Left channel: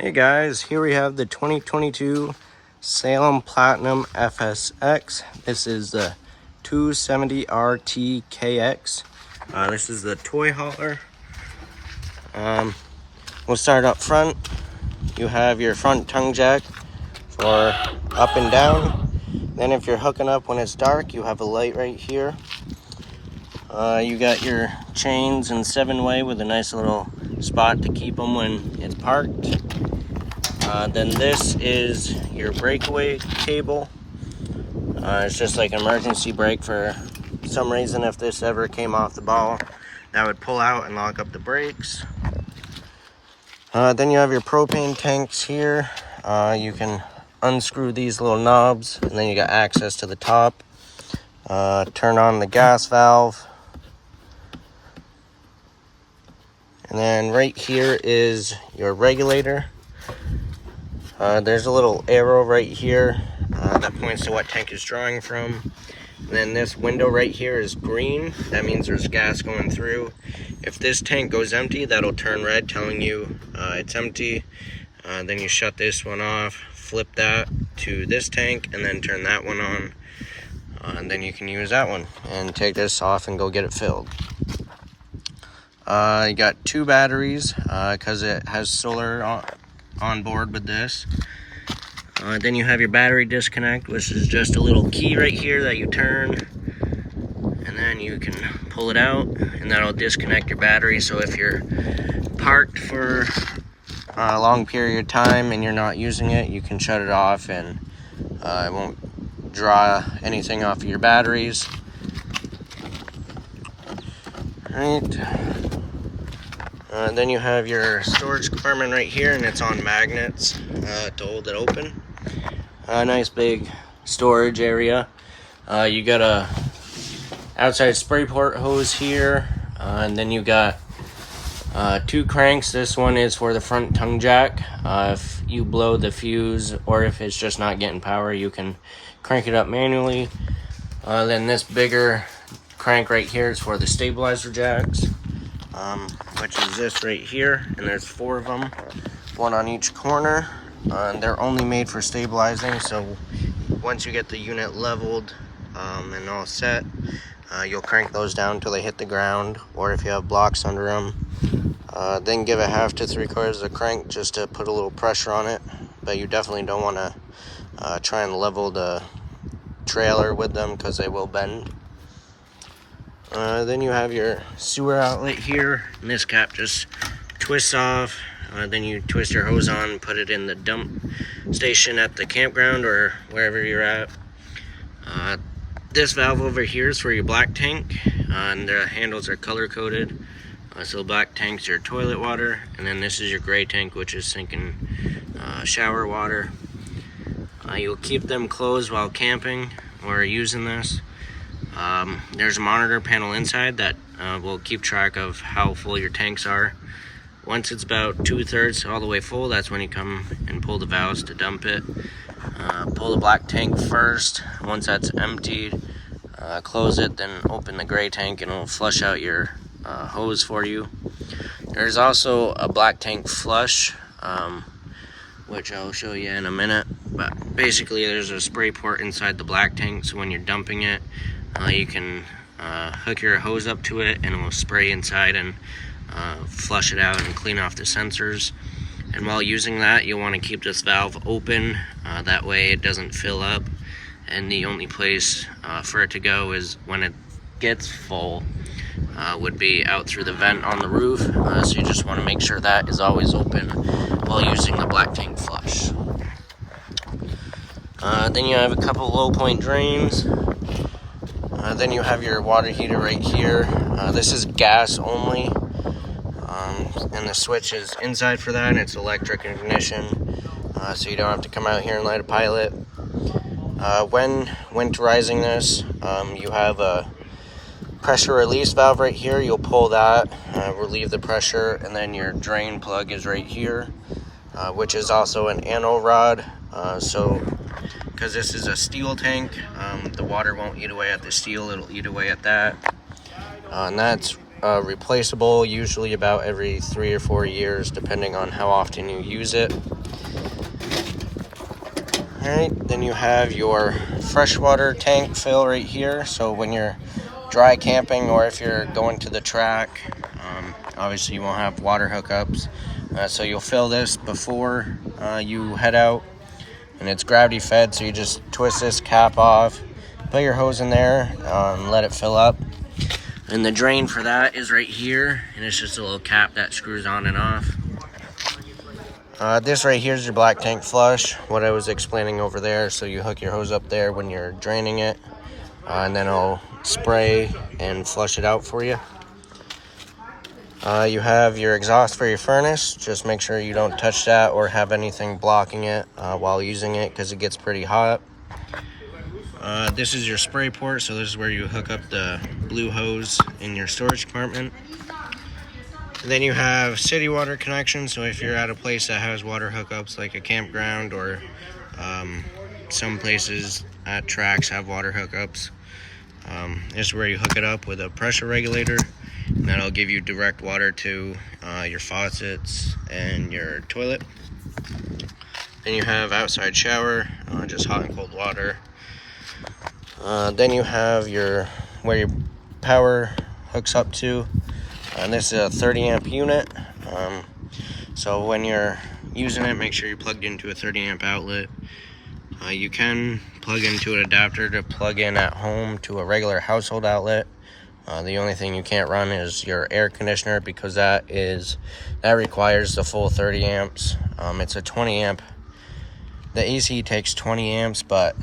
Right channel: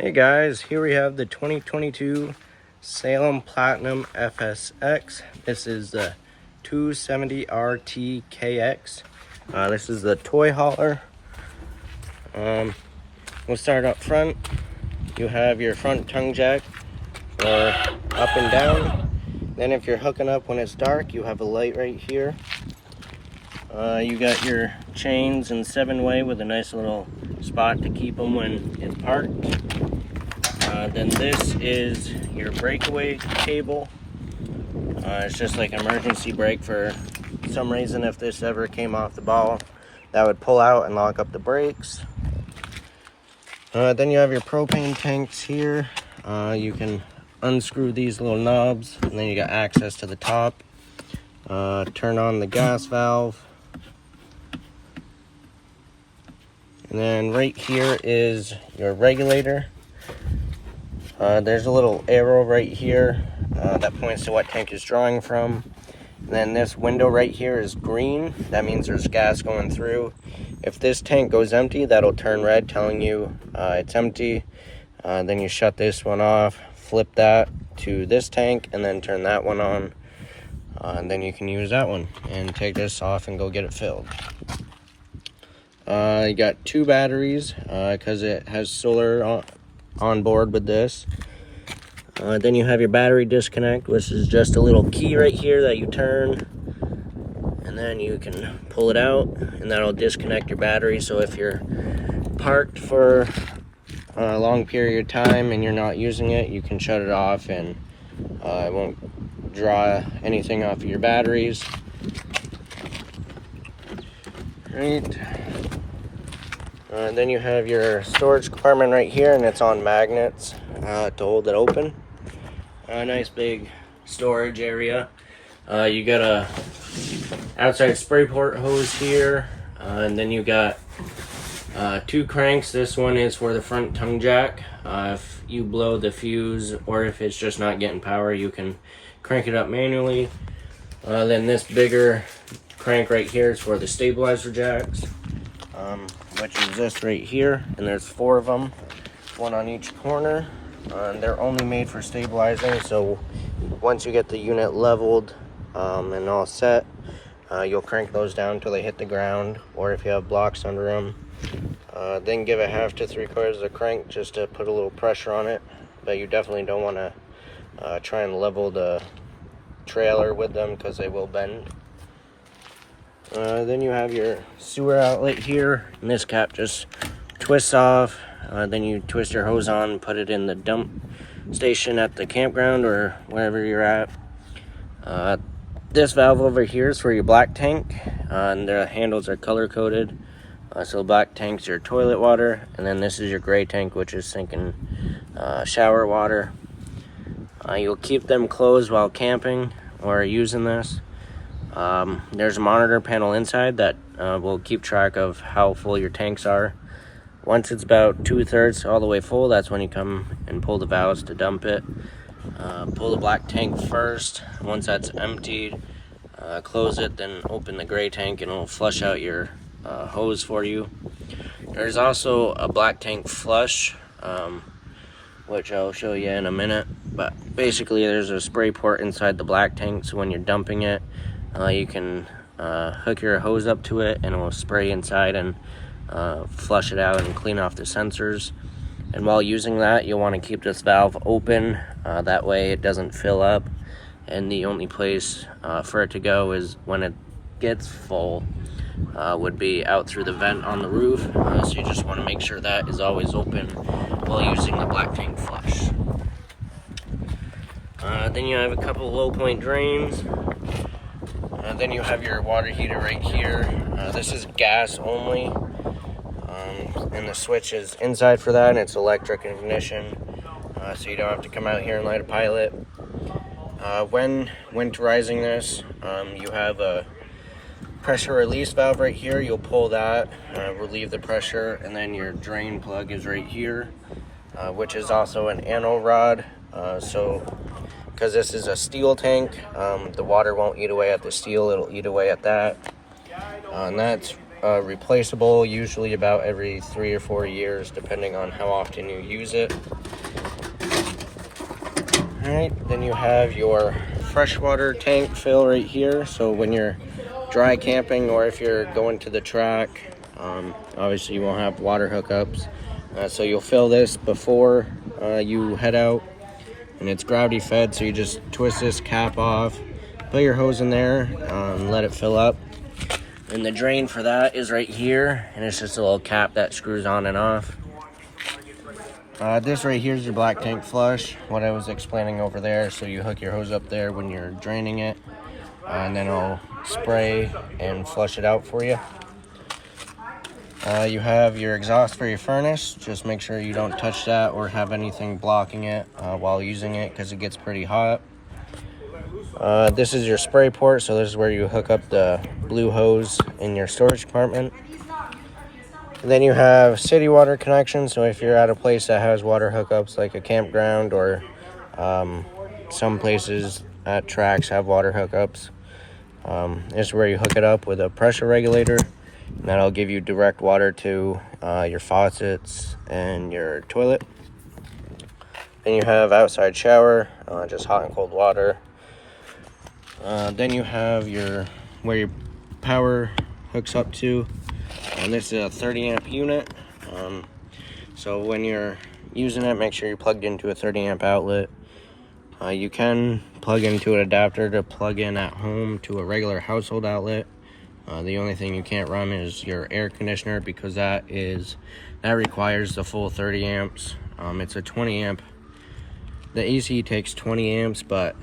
Hey guys, here we have the 2022 Salem Platinum FSX. This is the 270 RTKX. This is the toy hauler. We'll start up front. You have your front tongue jack for up and down. Then if you're hooking up when it's dark, you have a light right here. You got your chains in 7-way with a nice little spot to keep them when it's parked. Then this is your breakaway cable. It's just like an emergency brake for some reason. If this ever came off the ball, that would pull out and lock up the brakes. Then you have your propane tanks here. You can unscrew these little knobs, and then you got access to the top. Turn on the gas valve. And then right here is your regulator. There's a little arrow right here that points to what tank is drawing from. And then this window right here is green. That means there's gas going through. If this tank goes empty, that'll turn red, telling you it's empty. Then you shut this one off, flip that to this tank, and then turn that one on. And then you can use that one and take this off and go get it filled. You got 2 batteries because it has solar on board with this. Then you have your battery disconnect, which is just a little key right here that you turn, and then you can pull it out, and that'll disconnect your battery. So if you're parked for a long period of time and you're not using it, you can shut it off, and it won't draw anything off of your batteries. Right. Then you have your storage compartment right here, and it's on magnets to hold it open. A nice big storage area. You got a outside spray port hose here, and then you got 2 cranks. This one is for the front tongue jack. If you blow the fuse, or if it's just not getting power, you can crank it up manually. Then this bigger crank right here is for the stabilizer jacks, which is this right here, and there's 4 of them, 1 on each corner. They're only made for stabilizing, so once you get the unit leveled and all set, you'll crank those down until they hit the ground, or if you have blocks under them, then give it 1/2 to 3/4 of the crank just to put a little pressure on it. But you definitely don't want to try and level the trailer with them because they will bend. Then you have your sewer outlet here, and this cap just twists off. Then you twist your hose on, put it in the dump station at the campground or wherever you're at. This valve over here is for your black tank, and the handles are color coded. So black tank's your toilet water, and then this is your gray tank, which is sinking shower water. You'll keep them closed while camping or using this. There's a monitor panel inside that will keep track of how full your tanks are. Once it's about 2/3 all the way full, that's when you come and pull the valves to dump it. Pull the black tank first. Once that's emptied, close it, then open the gray tank, and it'll flush out your hose for you. There's also a black tank flush, which I'll show you in a minute. But basically, there's a spray port inside the black tank, so when you're dumping it, you can hook your hose up to it, and it will spray inside and flush it out and clean off the sensors. And while using that, you'll want to keep this valve open, that way it doesn't fill up, and the only place for it to go is when it gets full, would be out through the vent on the roof. So you just want to make sure that is always open while using the black tank flush. Then you have a couple low point drains. Then you have your water heater right here. This is gas only, and the switch is inside for that, and it's electric ignition, so you don't have to come out here and light a pilot. When winterizing this, you have a pressure release valve right here. You'll pull that, relieve the pressure, and then your drain plug is right here, which is also an anode rod. So because this is a steel tank, the water won't eat away at the steel, it'll eat away at that. And that's replaceable, usually about every 3 or 4 years, depending on how often you use it. All right, then you have your freshwater tank fill right here. So when you're dry camping or if you're going to the track, obviously you won't have water hookups. So you'll fill this before you head out, and it's gravity fed. So you just twist this cap off, put your hose in there, and let it fill up. And the drain for that is right here, and it's just a little cap that screws on and off. This right here is your black tank flush, what I was explaining over there. So you hook your hose up there when you're draining it, and then it'll spray and flush it out for you. You have your exhaust for your furnace. Just make sure you don't touch that or have anything blocking it while using it, because it gets pretty hot. This is your spray port, so this is where you hook up the blue hose in your storage compartment. And then you have city water connection, so if you're at a place that has water hookups like a campground, or some places at tracks have water hookups, this is where you hook it up with a pressure regulator, and that'll give you direct water to your faucets and your toilet. Then you have outside shower, just hot and cold water. Then you have where your power hooks up to, and this is a 30 amp unit. So when you're using it, make sure you're plugged into a 30 amp outlet. You can plug into an adapter to plug in at home to a regular household outlet. The only thing you can't run is your air conditioner, because that requires the full 30 amps. It's a 20 amp. The AC takes 20 amps, but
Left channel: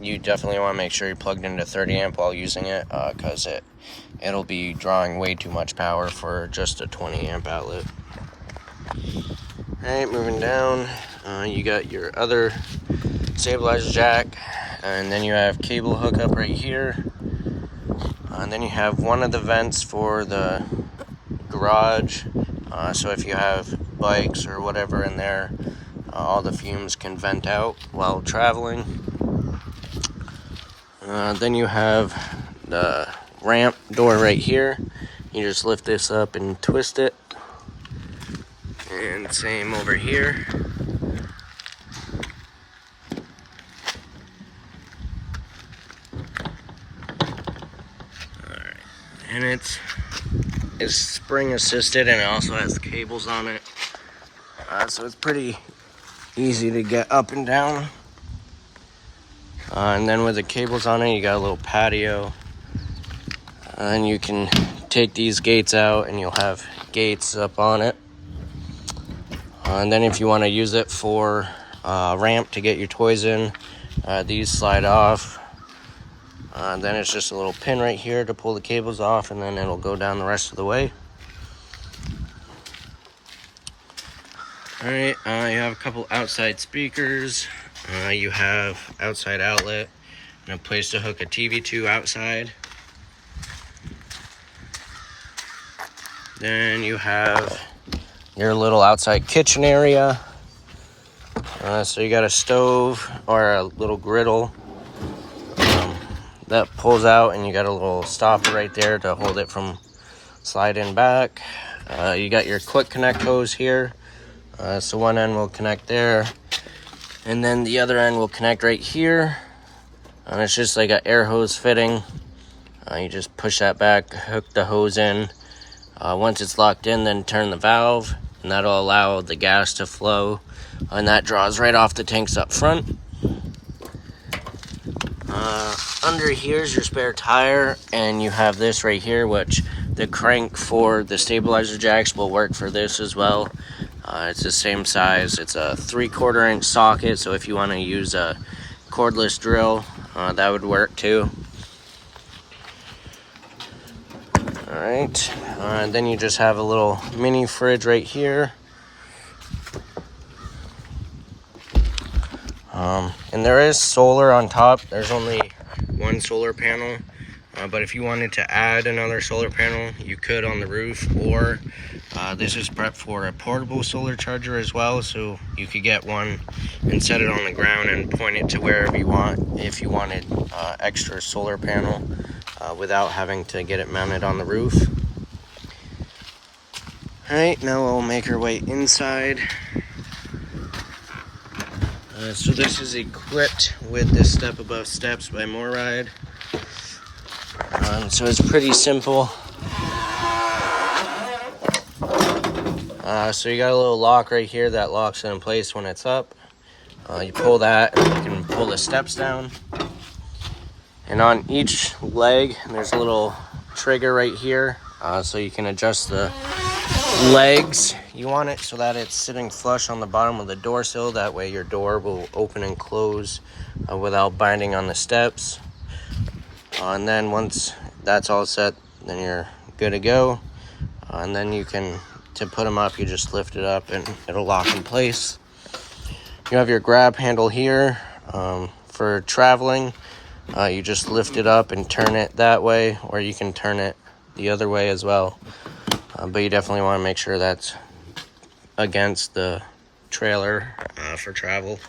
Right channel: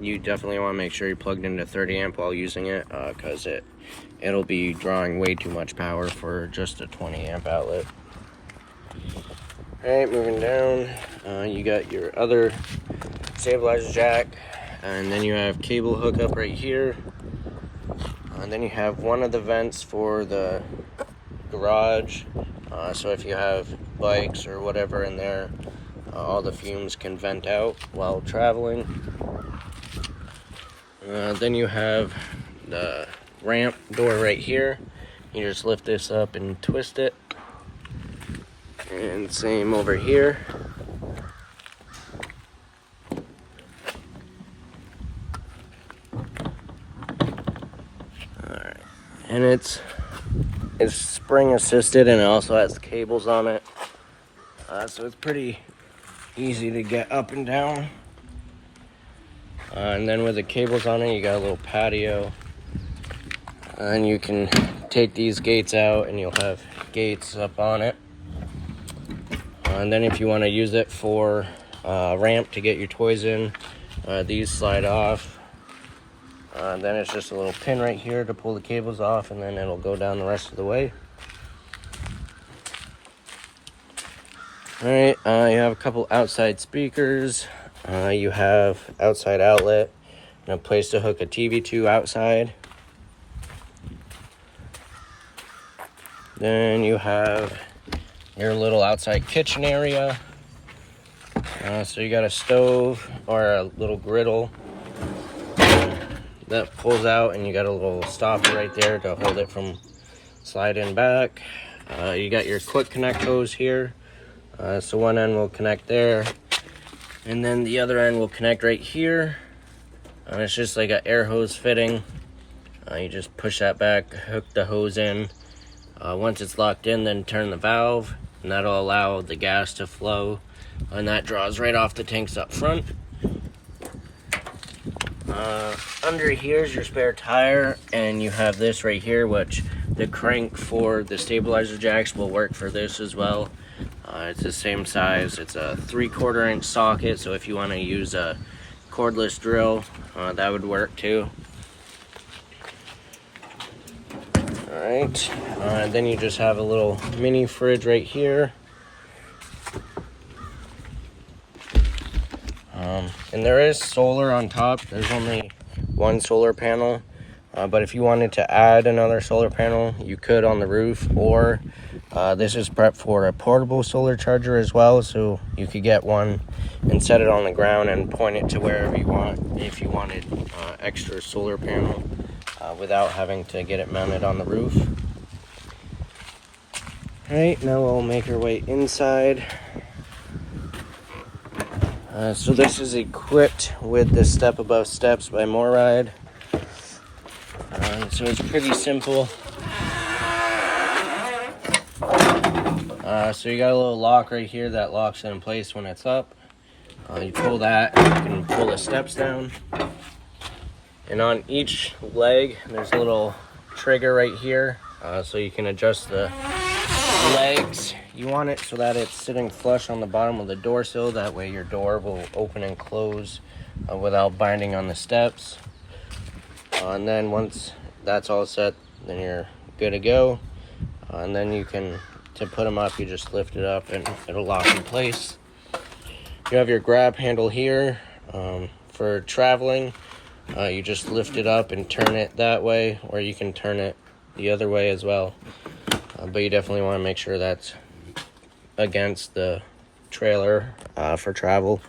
you definitely want to make sure you're plugged into 30 amp while using it, because it'll be drawing way too much power for just a 20 amp outlet. Alright, moving down, you got your other stabilizer jack, and then you have cable hookup right here, and then you have one of the vents for the garage, so if you have bikes or whatever in there, all the fumes can vent out while traveling. Then you have the ramp door right here. You just lift this up and twist it, and same over here. Alright, and it's spring assisted, and it also has cables on it, so it's pretty easy to get up and down. And then with the cables on it, you got a little patio, and you can take these gates out and you'll have gates up on it. And then if you want to use it for ramp to get your toys in, these slide off. Then it's just a little pin right here to pull the cables off, and then it'll go down the rest of the way. Alright, you have a couple outside speakers. You have outside outlet and a place to hook a TV to outside. Then you have your little outside kitchen area. So you got a stove or a little griddle that pulls out, and you got a little stopper right there to hold it from sliding back. You got your quick connect hose here. So one end will connect there, and then the other end will connect right here. And it's just like an air hose fitting. You just push that back, hook the hose in. Once it's locked in, then turn the valve, and that'll allow the gas to flow, and that draws right off the tanks up front. Under here is your spare tire, and you have this right here, which the crank for the stabilizer jacks will work for this as well. It's the same size. It's a 3/4 inch socket, so if you want to use a cordless drill, that would work too. Alright, then you just have a little mini fridge right here. And there is solar on top. There's only one solar panel, but if you wanted to add another solar panel, you could on the roof, or this is prepped for a portable solar charger as well, so you could get one and set it on the ground and point it to wherever you want if you wanted extra solar panel. without having to get it mounted on the roof. Alright, now we'll make our way inside. So this is equipped with the Step Above Steps by Moride. So it's pretty simple. So you got a little lock right here that locks it in place when it's up. You pull that, and you can pull the steps down. And on each leg, there's a little trigger right here, so you can adjust the legs. You want it so that it's sitting flush on the bottom of the door sill. That way your door will open and close without binding on the steps. And then once that's all set, then you're good to go. And then you can, to put them up, you just lift it up and it'll lock in place. You have your grab handle here. For traveling, you just lift it up and turn it that way, or you can turn it the other way as well. But you definitely want to make sure that's against the trailer for travel.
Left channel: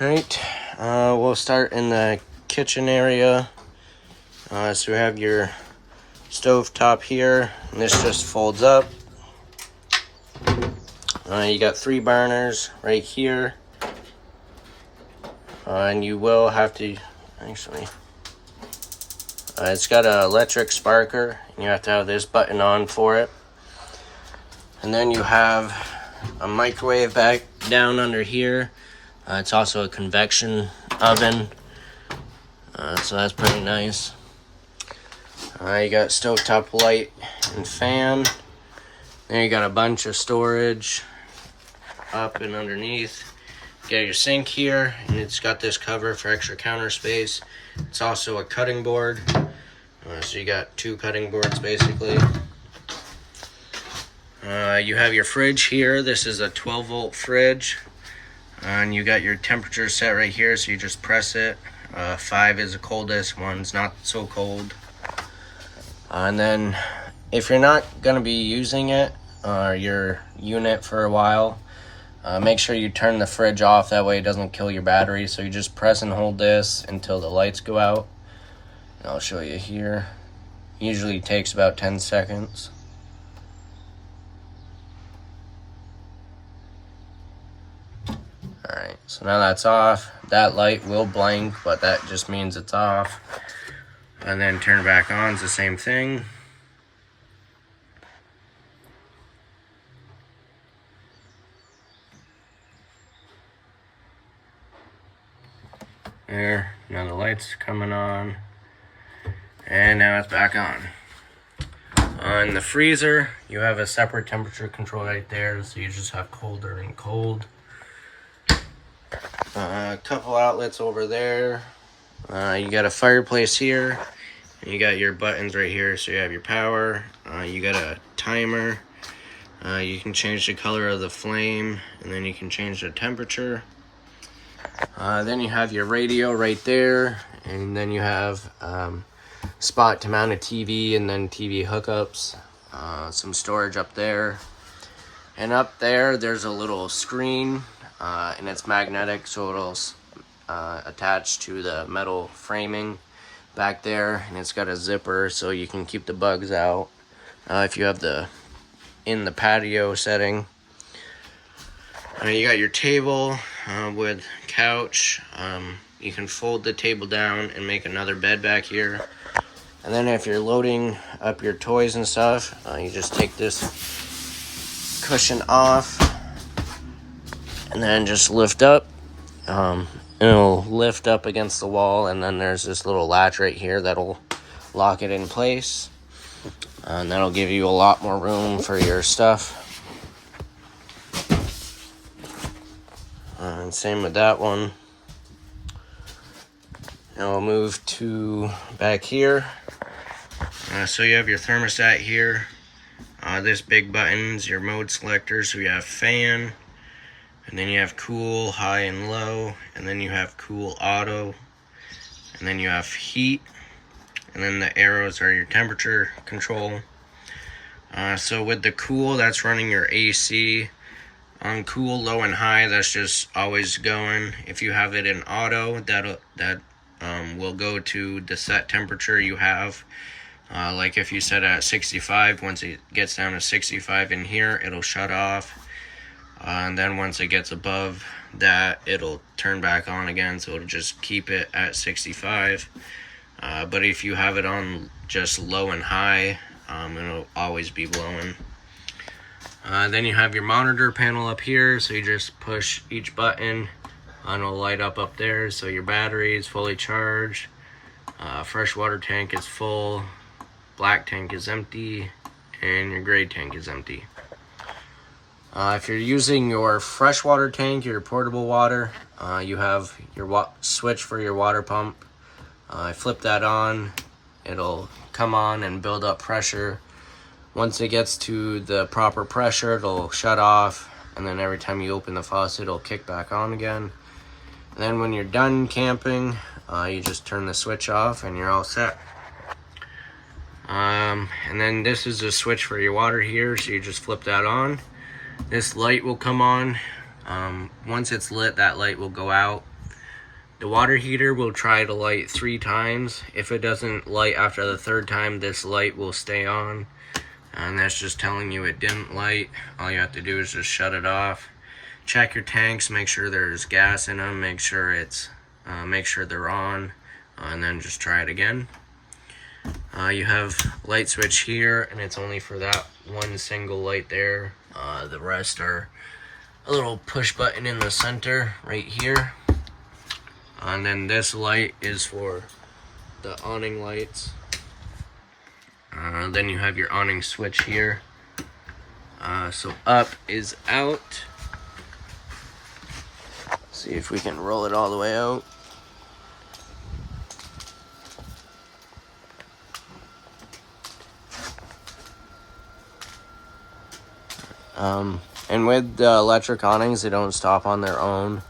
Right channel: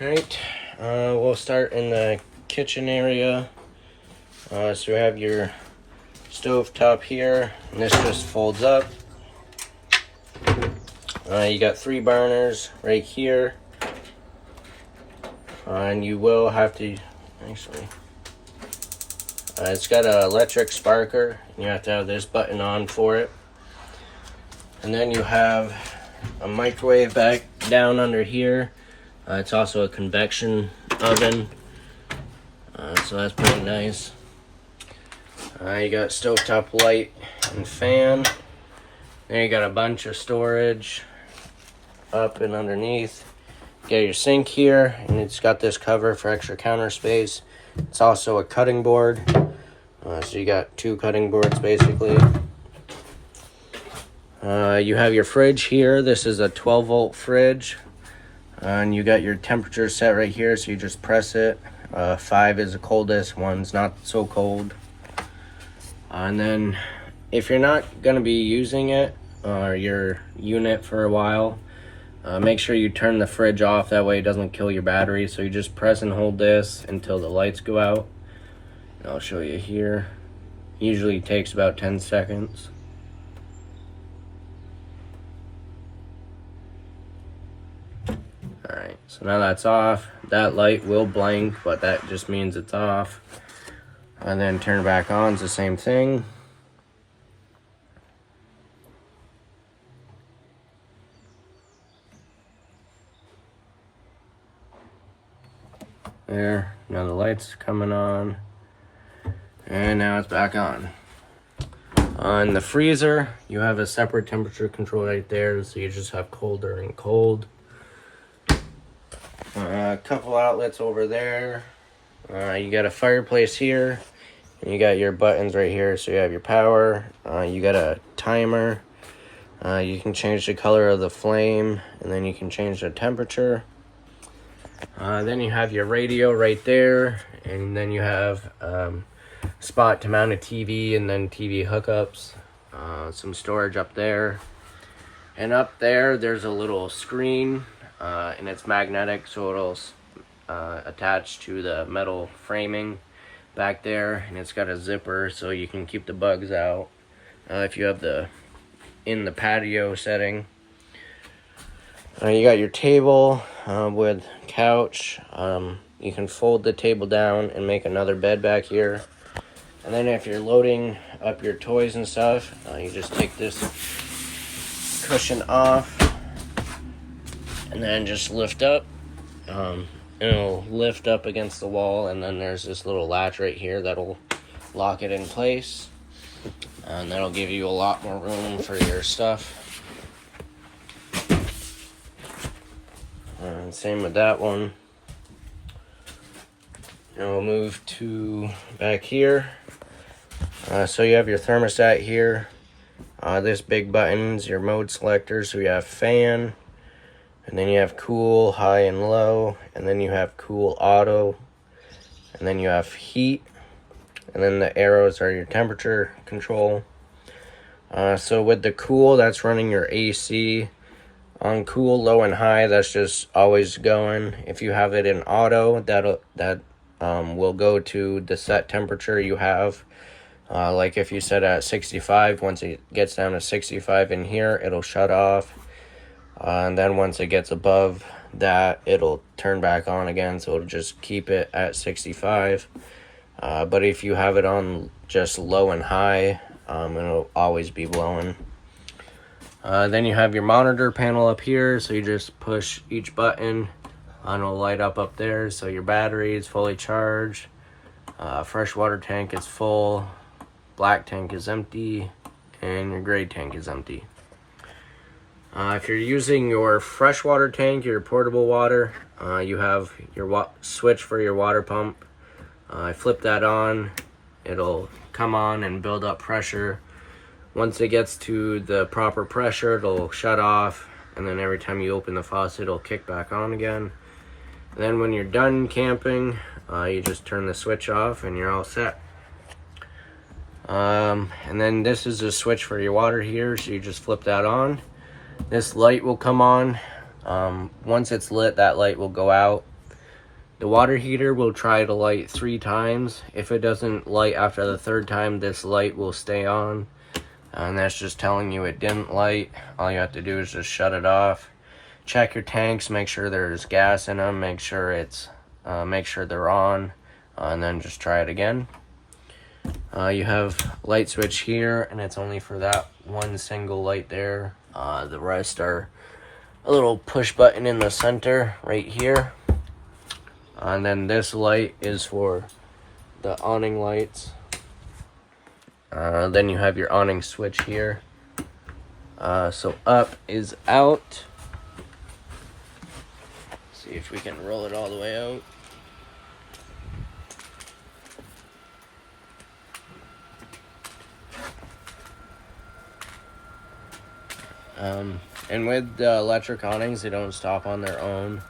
Alright, we'll start in the kitchen area. So we have your stove top here, and this just folds up. You got 3 burners right here. And you will have to, actually, it's got an electric sparker, and you have to have this button on for it. And then you have a microwave back down under here. It's also a convection oven, so that's pretty nice. You got stovetop light and fan. Then you got a bunch of storage up and underneath. You got your sink here, and it's got this cover for extra counter space. It's also a cutting board, so you got 2 cutting boards basically. You have your fridge here. This is a 12-volt fridge, and you got your temperature set right here, so you just press it. 5 is the coldest, 1's not so cold. And then if you're not going to be using it or your unit for a while, make sure you turn the fridge off. That way it doesn't kill your battery. So you just press and hold this until the lights go out. And I'll show you here. Usually takes about 10 seconds. Alright, so now that's off. That light will blink, but that just means it's off. And then turn it back on, it's the same thing. There, now the light's coming on. And now it's back on. On the freezer, you have a separate temperature control right there, so you just have colder and cold. A couple outlets over there. You got a fireplace here, and you got your buttons right here. So you have your power, you got a timer, you can change the color of the flame, and then you can change the temperature. Then you have your radio right there, and then you have spot to mount a TV, and then TV hookups, some storage up there. And up there, there's a little screen, and it's magnetic, so it'll attach to the metal framing back there, and it's got a zipper so you can keep the bugs out if you have in the patio setting. You got your table with couch. You can fold the table down and make another bed back here. And then if you're loading up your toys and stuff, you just take this cushion off and then just lift up. It'll lift up against the wall, and then there's this little latch right here that'll lock it in place. And that'll give you a lot more room for your stuff. And same with that one. Now we'll move to back here. So you have your thermostat here. This big button's your mode selector. So you have fan, and then you have cool, high and low, and then you have cool auto, and then you have heat, and then the arrows are your temperature control. So with the cool, that's running your AC. On cool, low, and high, that's just always going. If you have it in auto, that will go to the set temperature you have. Like if you set at 65, once it gets down to 65 in here, it'll shut off. And then once it gets above that, it'll turn back on again, so it'll just keep it at 65. But if you have it on just low and high, it'll always be blowing. Then you have your monitor panel up here, so you just push each button and it'll light up there. So your battery is fully charged, freshwater tank is full, black tank is empty, and your gray tank is empty. If you're using your freshwater tank, your portable water, you have your switch for your water pump. Flip that on, it'll come on and build up pressure. Once it gets to the proper pressure, it'll shut off, and then every time you open the faucet, it'll kick back on again. And then when you're done camping, you just turn the switch off and you're all set. And then this is the switch for your water here, so you just flip that on. This light will come on. Once it's lit, that light will go out. The water heater will try to light 3 times. If it doesn't light after the 3rd time, this light will stay on. And that's just telling you it didn't light. All you have to do is just shut it off. Check your tanks, make sure there's gas in them, make sure they're on, and then just try it again. You have light switch here, and it's only for that one single light there. The rest are a little push button in the center right here. And then this light is for the awning lights. Then you have your awning switch here. So up is out. See if we can roll it all the way out. And with the electric awnings, they don't stop on their own.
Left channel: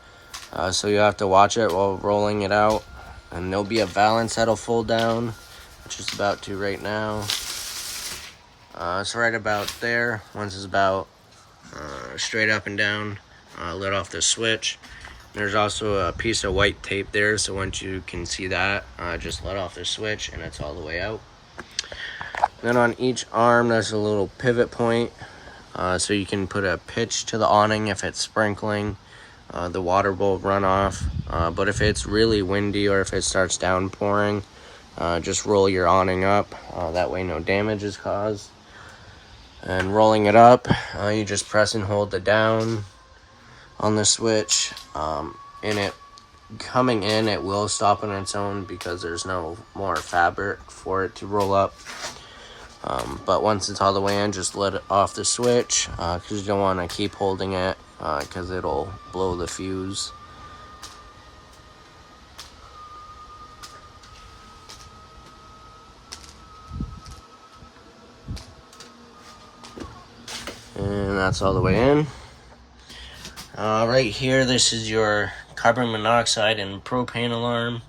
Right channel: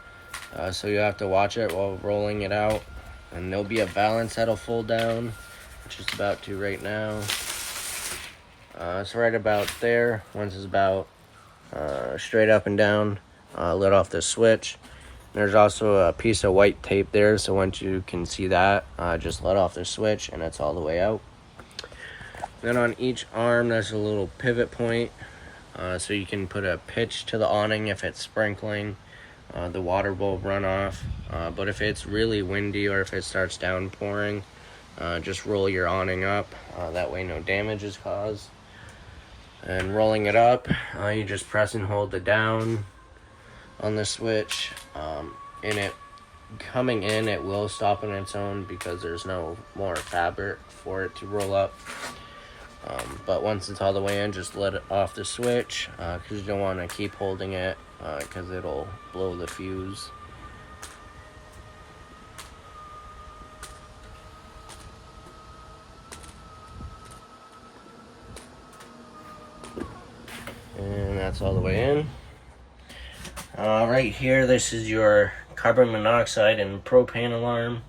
So you have to watch it while rolling it out. And there'll be a valance that'll fold down, which is about to right now. It's right about there. Once it's about straight up and down, let off the switch. There's also a piece of white tape there, so once you can see that, just let off the switch and it's all the way out. Then on each arm, there's a little pivot point, so you can put a pitch to the awning if it's sprinkling. The water will run off, but if it's really windy or if it starts downpouring, just roll your awning up. That way no damage is caused. And rolling it up, you just press and hold the down on the switch. Coming in, it will stop on its own because there's no more fabric for it to roll up. But once it's all the way in, just let it off the switch, because you don't want to keep holding it, because it'll blow the fuse. And that's all the way in. Right here, this is your carbon monoxide and propane alarm.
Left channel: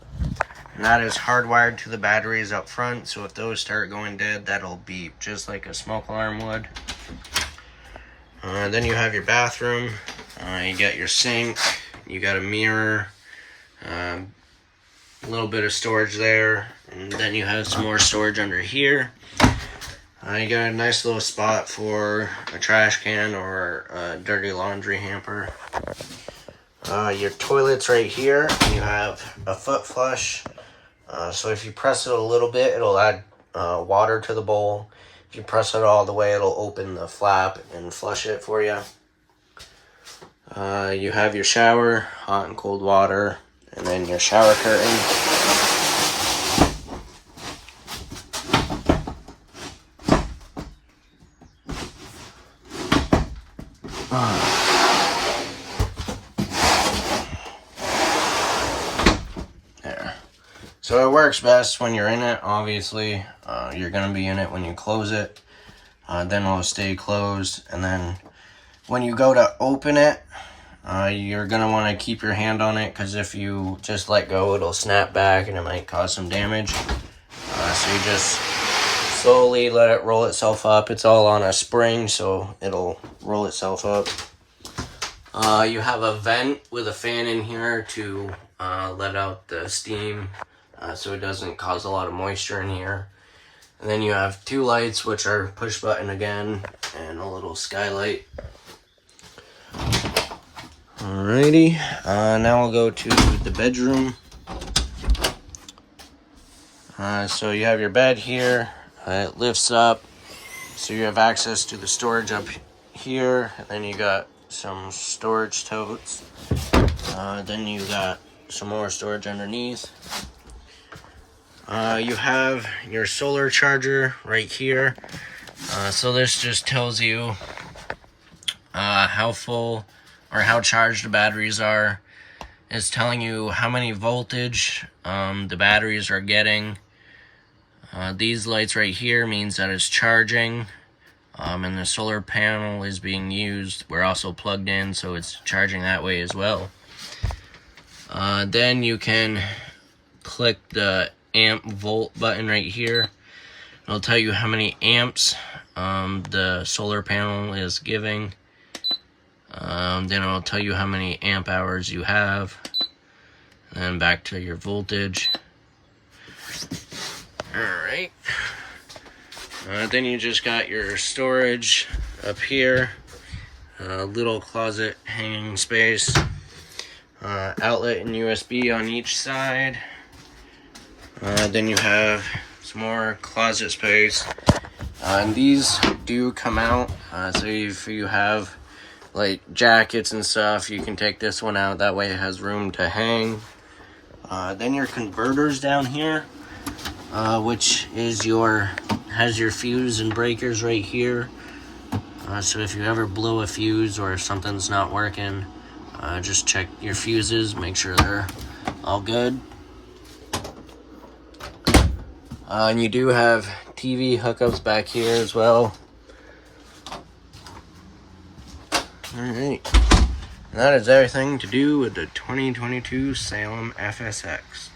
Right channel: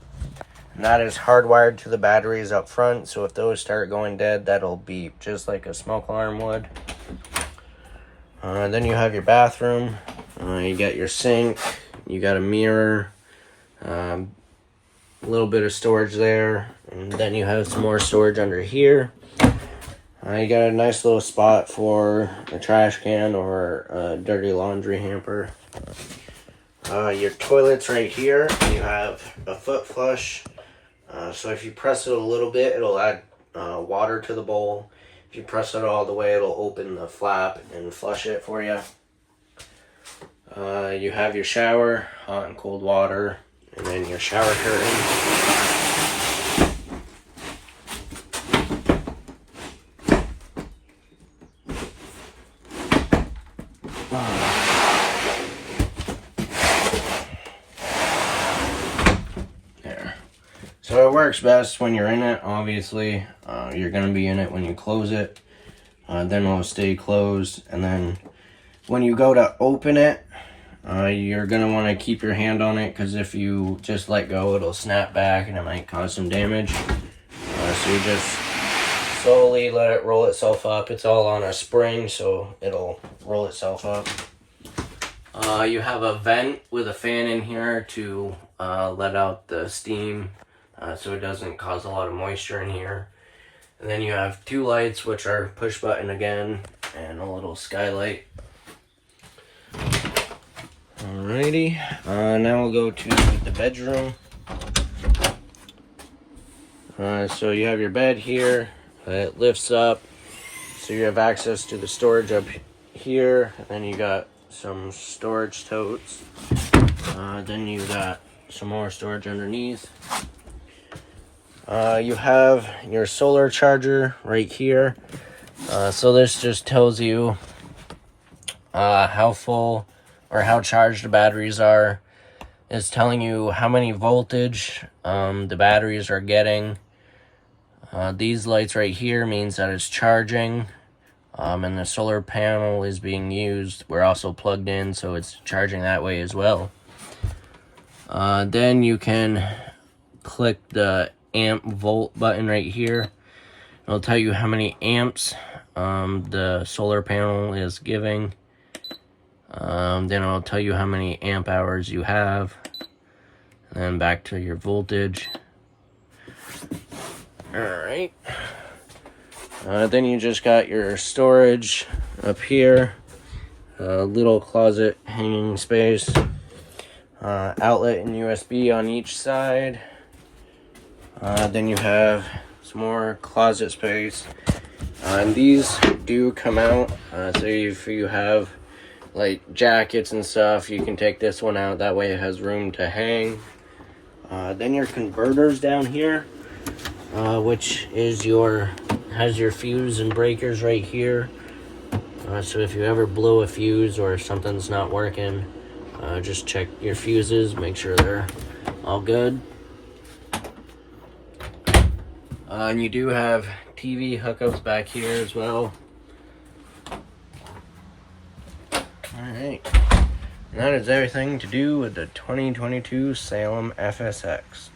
And that is hardwired to the batteries up front, so if those start going dead, that'll beep just like a smoke alarm would. Then you have your bathroom. You got your sink, you got a mirror, a little bit of storage there, and then you have some more storage under here. You got a nice little spot for a trash can or a dirty laundry hamper. Your toilet's right here. You have a foot flush. So if you press it a little bit, it'll add water to the bowl. If you press it all the way, it'll open the flap and flush it for you. You have your shower, hot and cold water, and then your shower curtain. So it works best when you're in it, obviously. You're going to be in it when you close it. Then it'll stay closed. And then when you go to open it, you're going to want to keep your hand on it, because if you just let go, it'll snap back and it might cause some damage. So you just slowly let it roll itself up. It's all on a spring, so it'll roll itself up. You have a vent with a fan in here to let out the steam so it doesn't cause a lot of moisture in here. And then you have 2 lights, which are push button again, and a little skylight. Alrighty, now we'll go to the bedroom. So you have your bed here. It lifts up, so you have access to the storage up here. And then you got some storage totes. Then you got some more storage underneath. You have your solar charger right here. So this just tells you how full or how charged the batteries are. It's telling you how many voltage the batteries are getting. These lights right here means that it's charging, and the solar panel is being used. We're also plugged in, so it's charging that way as well. Then you can click the amp volt button right here. It'll tell you how many amps the solar panel is giving. Then it'll tell you how many amp hours you have. And then back to your voltage. Alright. Then you just got your storage up here. A little closet hanging space. Outlet and USB on each side. Then you have some more closet space. And these do come out. So if you have like jackets and stuff, you can take this one out. That way it has room to hang. Then your converters down here, which is has your fuse and breakers right here. So if you ever blow a fuse or something's not working, just check your fuses, make sure they're all good. And you do have TV hookups back here as well. Alright, that is everything to do with the 2022 Salem FSX.